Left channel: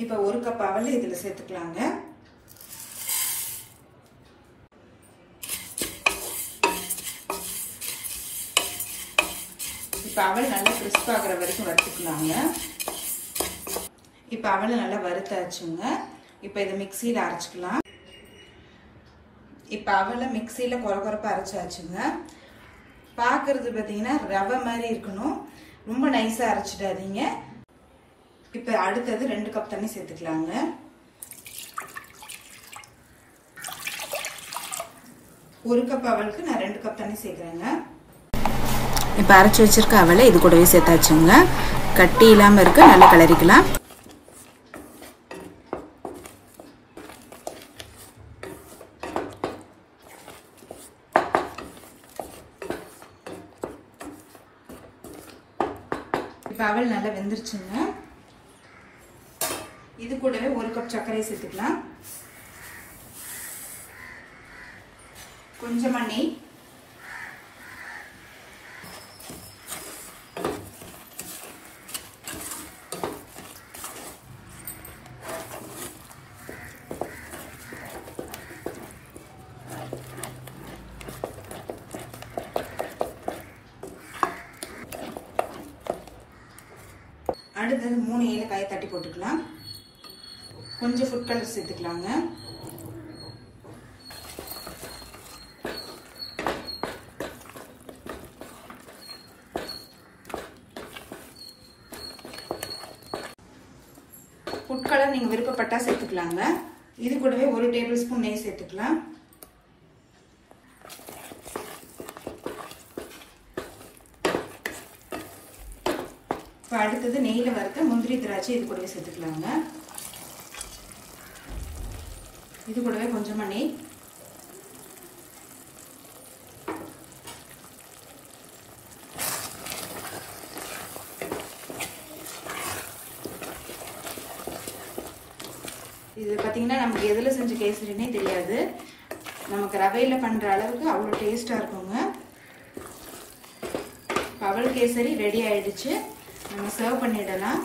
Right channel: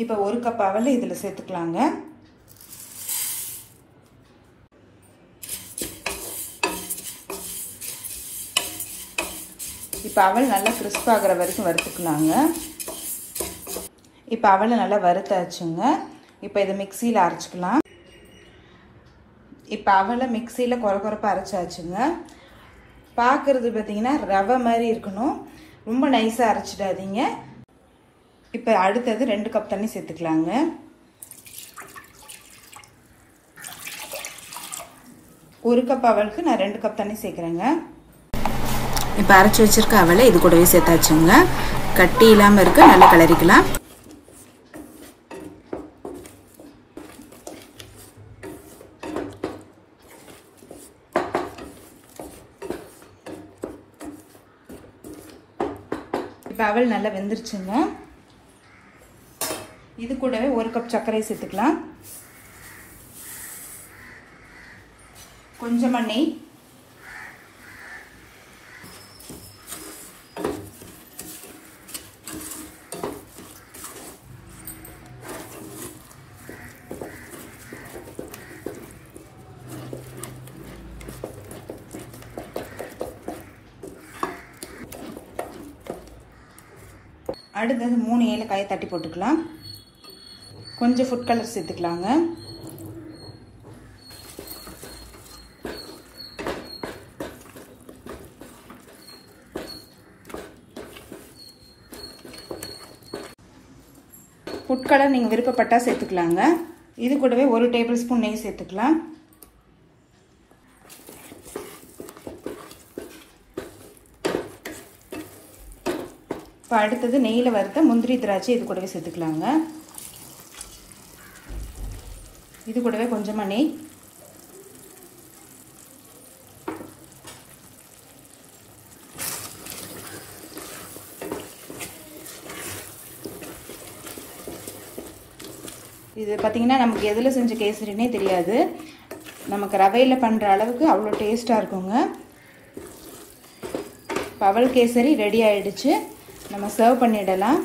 இப்போ 1 கப் அவல் இதில் சேர்த்துக்கலாங்க. இப்போ அவல் நல்லா கிறிஸ்ப் ஆகிற வரைக்கும் வறுத்துக்கலாங்க. இப்போ அவலை நல்லா வறுத்தாச்சுங்க. இப்போ இதை மிக்சியில் அரைச்சிக்கலாம். இப்போ அவலை மிக்சியில் கொரகொரப்பாக அரைச்சாச்சுங்க. பார்க்கறது பார்த்தீங்கன்னா ரவை மாதிரி இருக்கணும், ரொம்ப நைஸாக அரைச்சிடாதீங்க. இப்போ அடுத்தது 2 கப் தண்ணி சேர்த்துக்கலாங்க. ஒரு கப் அவலுக்கு நான் 2 கப் தண்ணி சேர்க்குறேங்க. இப்போ அரைச்சி வச்சிருக்க அவலை இது கூடவே சேர்த்தாச்சுங்க. கட்டி இல்லாமல் இருக்க நல்லா கிளறிக்கலாம். இப்போ அவல் நல்லா வெந்துருச்சுங்க. இது கூடவே 1 கப் சர்க்கரை சேர்த்துக்கலாம். கொஞ்சமா நெய், அடுத்தது 3 ஏலக்காயை தட்டி போட்டுக்கலாம். கொஞ்சம் ஃபுட் கலர் சேர்த்துக்கலாங்க. ஃபுட் கலர் நீங்கள் விருப்பப்பட்டா சேர்த்துக்கலாங்க. இது கூடவே 1 டேபிள் ஸ்பூன் நெய் சேர்த்துக்கலாம். இப்போ அடுத்தது நெய்யில் வறுத்த முந்திரி திராட்சை இது கூடவே சேர்த்துக்கலாங்க. இது கூடவே கொஞ்சமாக நெய், இது பார்த்தீங்கன்னா நமக்கு எதில் செஞ்ச கேசரினே தெரியாது. நமக்கு ரவையில் பண்ணுற அளவுக்கு அவ்வளோ டேஸ்ட்டாக இருக்குங்க. அவல் கேசரி ரெடி ஆயிடுச்சு. நம்ம சர்வ் பண்ணிடலாம்.